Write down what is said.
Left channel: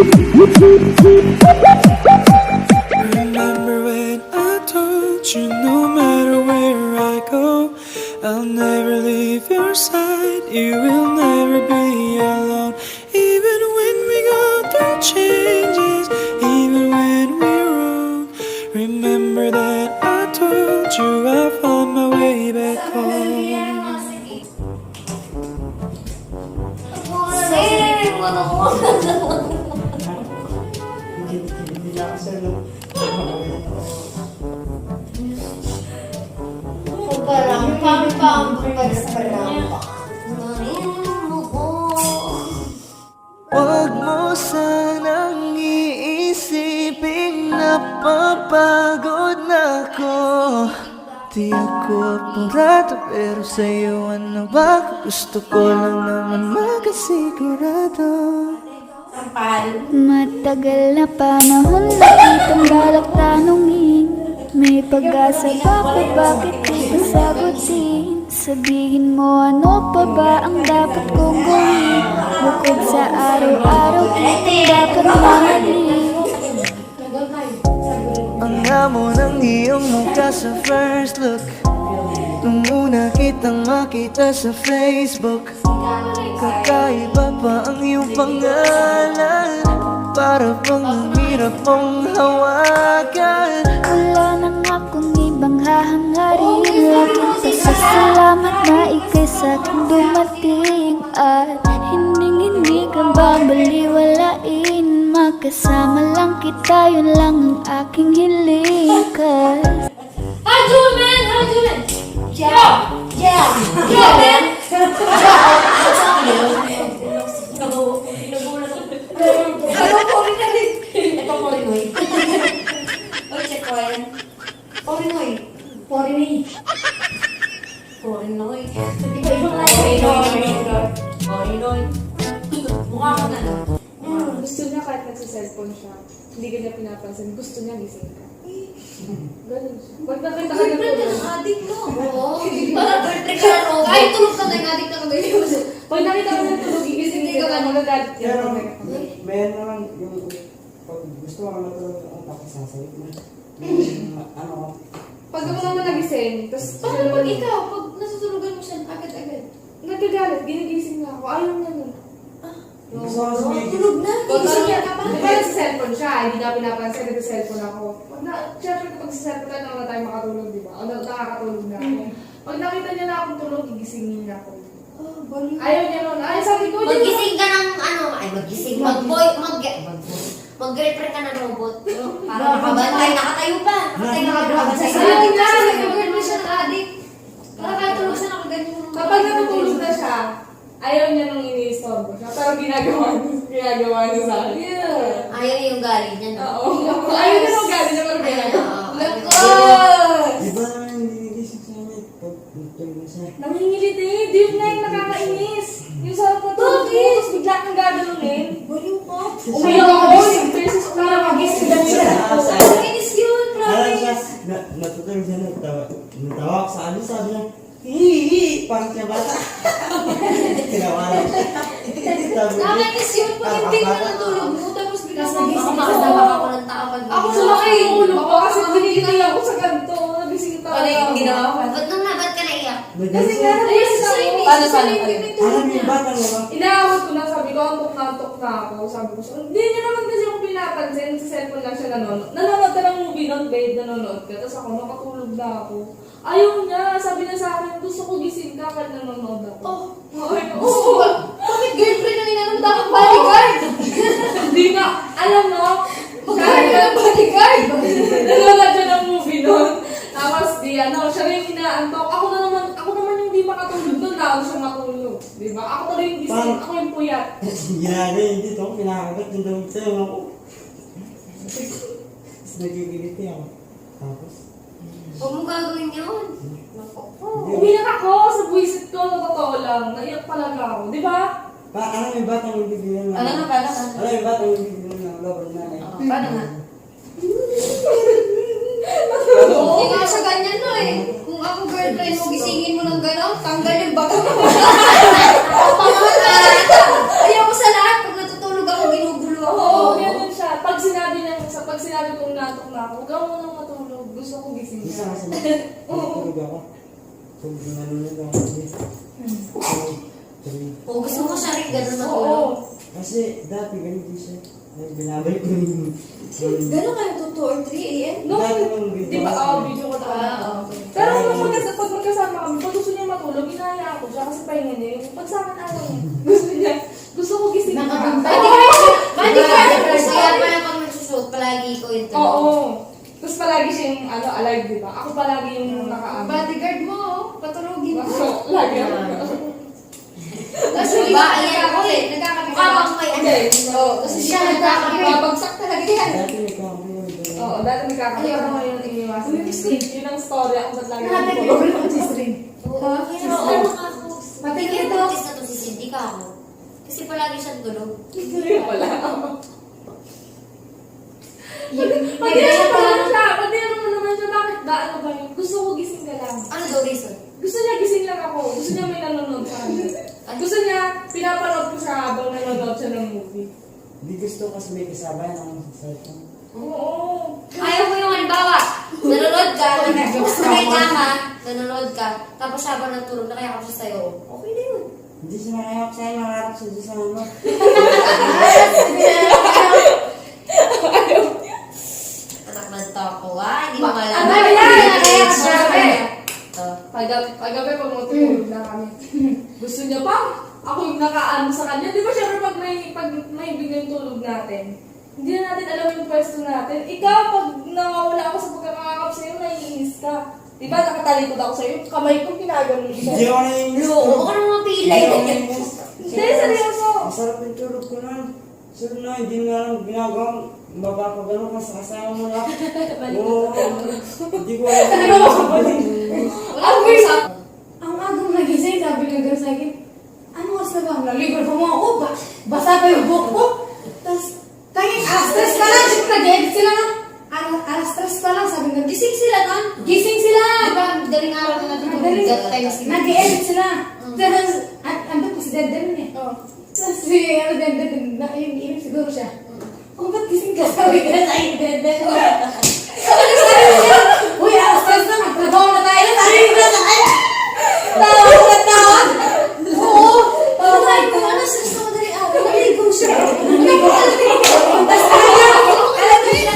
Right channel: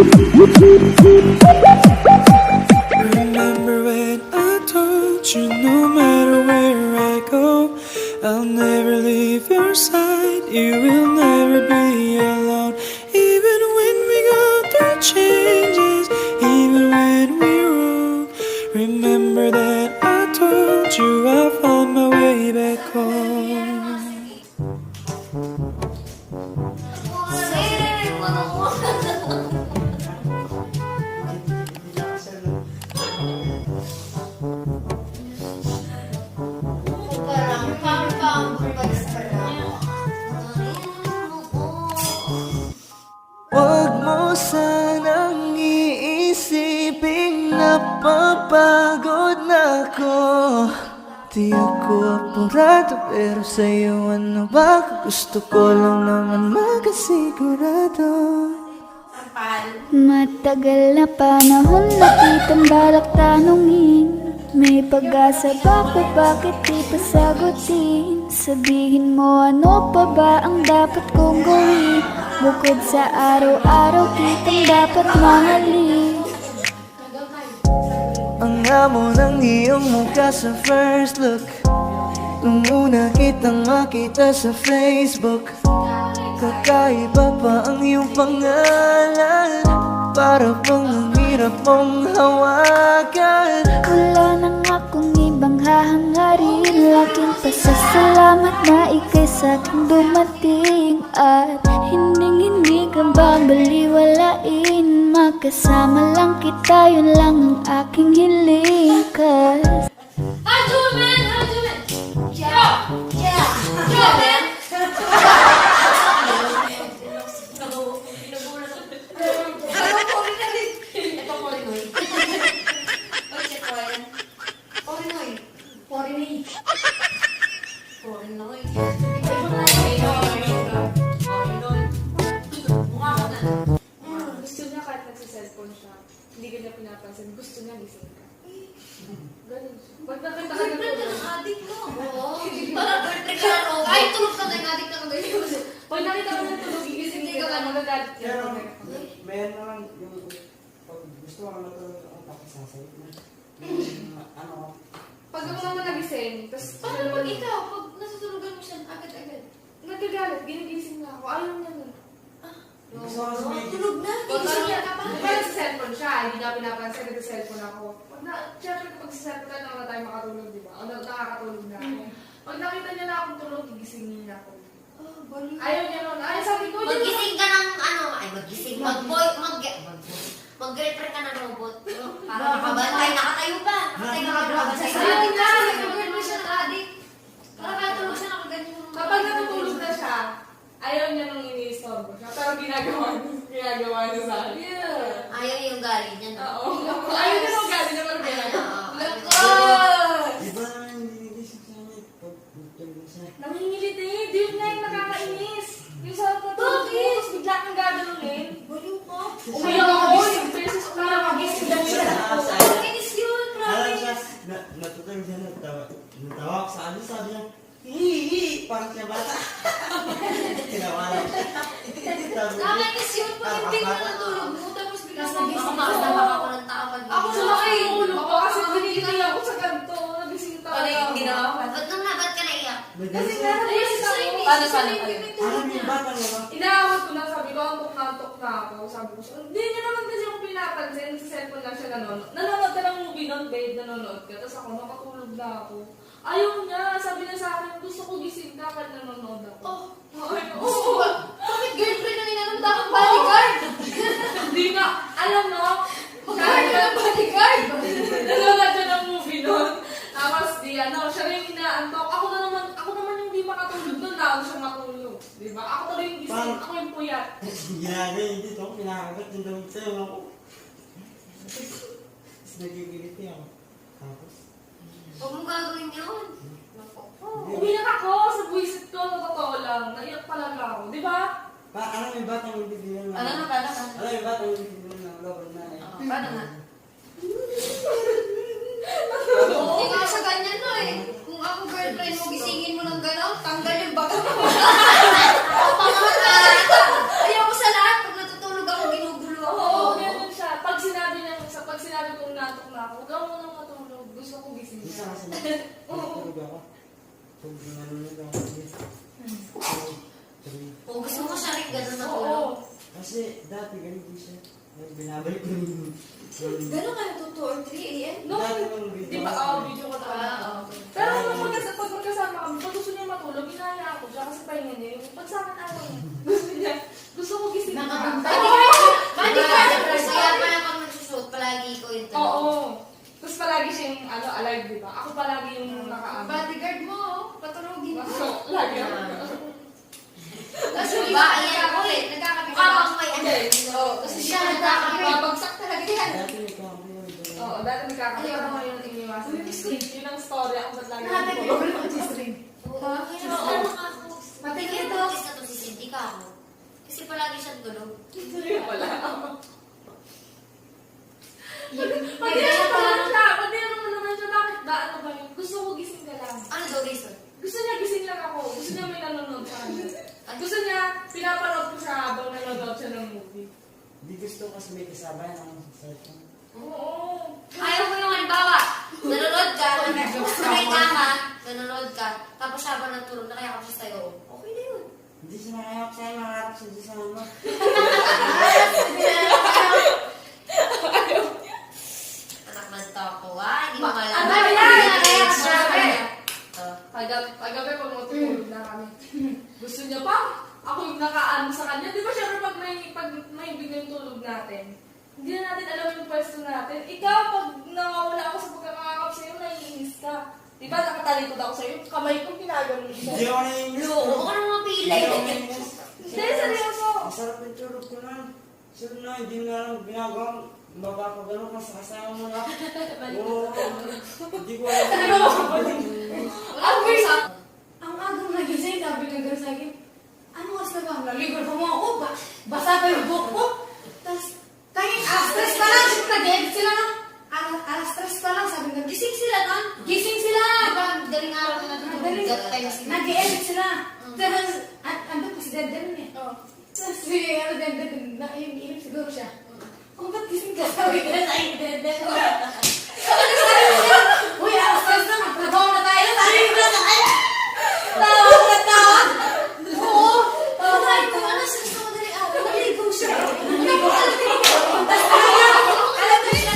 Remember when I told you no matter where I go, I'll never leave your side, you will never be alone. Even when we go through changes, even when we're wrong, remember that I told you I found my way back home. Huwag mo sanang iisiping napapagod na ako. Di ako apurado pero sa'yo ano ba? Gusto ko lang naman makasigurado. Matagal na panahon na kitang balak tanungin, may pag-asa ba ko, bakit di pa sagutin? Sabihin mo ano pa ba ang dapat kong gawin, bukod sa araw-araw kitang dapat mahalin. Ang amo ng iyong mukha sa first look, nung una kitang makita sa Facebook. Kakaiba pa ang iyong pangalan, para bang ang hirap mong hawakan. Wala nang akong ibang hahangarin, laking pasasalamat na ika'y sa'king dumating. At hindi ka babaliwalain, magkasama lang kita, yun lang ang aking hiling. Cause How do man? Yeah, man. Gusto niya kahit nagsa-cellphone siya, hindi ka niya pinapansin, gusto niya gising ka. Ganun siya. Pag nakita ka na Adik mo. Parang birthday ka na no. Ay, tulog ka na yung adik na magayon. pag nakita ka na tulog, gigising Hindi ka ka, ba? magagalit ka. Meron mo lang yung pag gusto mo matulog ang pakisasayit mo. Ano? Pag ako naman nagising, tapos Paano pag ikaw, pag nasutulugan mo siya agad-agad? nagagalit, ginigising na ako, ayaw niya nun. Gusto ko sabihin. Tulog na. Gising ka pa. Di ba nagsa-cellphone siya, hindi niya pinapansin, nagsa-cellphone ako. Siyempre kapag sa cellphone na naman tayo makatulog, di ba? O nakakatulog na ako. Pag nakita niya na akong tulog, gigisingin niya ako. Ayaw niya nun. Ayaw, sabi ko, Magising ka ng ano, ay magising, mag-girlfriend ka ng robot. Para nakabantay, nakatayo pa. Nakatayo nakabantay sa Ayaw adik. niya, Kasi nag-girlfriend nag-girlfriend siya sa adik. Para katulog siya nakaganyan. kapag natutulog na siya, ayaw niya nung ini-istorbo siya. Pero ginagawa niya sa akin. Ayaw yung galing niya. No? Oo. Ayaw niya nung gabi niya, pero Ayan, ganyan. oo. Lakos! Di ba naman nililisip sa amin? Pag tulog siya. Nangingilit eh. Di yun na yung nakakainis. Yung sarap na tulog mo, tapos bigla kang gagalunin. Baliw ko. Umiyak ako, yung versus parang magising lang siya. Kinis yun, Parang siya, promise. natutulog siya, natawa ko sa amin, sabi niya, hihi, parang siya bata. Tinawalan siya. Nakakainis yun. Pag hindi mo natulog mo, tapos bigla nagising Oo. ako. Tawag ako ng tao. Ako sumakay yung ulo ko kasi pinigil ako sa ganito. Nabising ako. Ano yung ginawa ko? Ba't ka naiyak? Kasi nga, nabising ako. Paano? Alam mo yung bata mo ba? Inaawat ko lang, sabi ko, antok na ako. Sabi ko, hindi niya naman kasi ako pinapansin. Sa cellphone lang siya nanonood. Nanonood ka ng movie ng bed, nanonood ka. Tapos ako, nakatulog na ako. Ayaw niya, sabi niya sa akin, gusto ko gising ka kahit nanonood ako. Oo. Bakit girlfriend ang inanong dapat bodyguard? Hindi na, alam mo, kahit na bodyguard. Nanonood siya ng movie noon. Tapos di, siya rin inaantok. Ako naman yung di makatulog doon, laon siya matulog. Diba? Ako na yung gising, ako yung puyat. Ginagawa yun dito, kinakagat yung damit sa'yo ako. Tapos nagigilit niya ako. Tapos, Huwag mo gagawin yun. Umiyak ako sa buwisit ko, na totoo lang. Naiyak talaga ako, di ba? ano yung batang hindi bilang Paano nga? Ano yung batang hindi bilang ng babay na eh? Paano nga? Hindi nga siya ganyan no eh. Kung ako girlfriend mo, gisingin mo ng gano'n, tanggal yung baga mo. Ayaw ko sa lahat. Pag natutulog ako, ginugulo ako. na ako. Huwag ka munang matulog. Gusto ko gising Isa ka. kasi matulog ako. Kung ginanong ako. O, gusto ko siya rin ganun ako. Oo. Kasi dati ganito siya. Ay, binabalik ko yung... Gano'n kayo to 2 or 3 a.m.? No, Dati yung di ba? Video ko tayo. Pero nung pag magkasama kami, pag gusto niya matulog, inaya ako siya kasi pahinga niya yung pag sa akin ayaw niya. Gusto ko gising ka. Pwede ka. Kaya pala pag nagsushoot, palagi ko yung tulog. Oo. Tapos palagi siya yung alive, di ba? Ako palagi yung nakaano. Bodyguard mo, patulogin mo. Lagi ako. Tapos yung iba, ayan ako eh. Nagkakape ka lang may ano. Oo. Kasi siya nagkakape. Bagsak talaga yan. Dati may kamay. Oo, dati nagkakape Ayaw ako ko. ngayon iniwasan. Yun ang story ako ba't lagi Hanapin ako mo tulog. yung G-string. Oo. Matingin to. Sa to si Cindy ka ako. Kasi palagi siyang tulog. Hindi pala. Maganda pa lang. Pag-iyan mo naman siya, bakit ba? Ano ba yun? Gusto ko gising ka lang. Ano daw reason? Gusto niya gising lang ako. Gusto niya may nanonood sa kanya. Gusto niya, pinapanood ko siya habang nanonood siya ng movie. Hindi gusto kasi may kasama yan ang cellphone. Oo. Ayaw mo yung halimbawa, nanonood ka, nakikama, nanonood ka, tapos siya habang natulog, nakayakap siya sa'yo. Okay na yun. Hindi siya nakayap sa'yo, nakaharap siya doon sa ano. Anak ng toko, hindi mo malaman. Ano ba yan? Nakayakap siya. Kagabi pag matutulog na kami. Gusto niya pa. Ako yung nakaano sa kanya. Di ba syempre pag may bigay yung tulog natin, hindi na natin alam yung pwesto natin. Ikaw, pag nawawala ako sa pagkakakap sa'yo, naiinis ka. Di ba nakatalikod ako sa'yo, kamay ko pinagano Hindi siya. ako naiinis. Oo, huwag ka naman mapilay. Hindi, seryoso. Masarap yung tulog ko na. Sabi na, hindi nga lang ginagawa. Baba ko gano'n kasi kasama mo na. Oo. Hindi ko alam. Wala ko sa... Ang agong nagising, sabi ng girl sa akin, ano oras na ba? Nalibre pa mo ako, basa pa yung buhok ko. Tapos, kahit alas 3 ka lang, syempre nag-edit sila na. Alas 3 ka lang, sabi ng Gising sila na. gising sila! Di ba, daling araw na natin. Nag-edit sila. Tapos, andun po si Denden eh. Oh. Tapos si, Denden, naiinip siguro siya. Oh, ba't gising ka? Sabi ka na sa akin, Denden. Uy, alas 3 na, magtrabaho na tayo. Sabi ka na sa akin. Tawag na tawag. Oo. Oo, sabi ko, ano siya sa madaling araw? Naligo siya. Naligo ka lang. Tapos talaga, alam mo siya.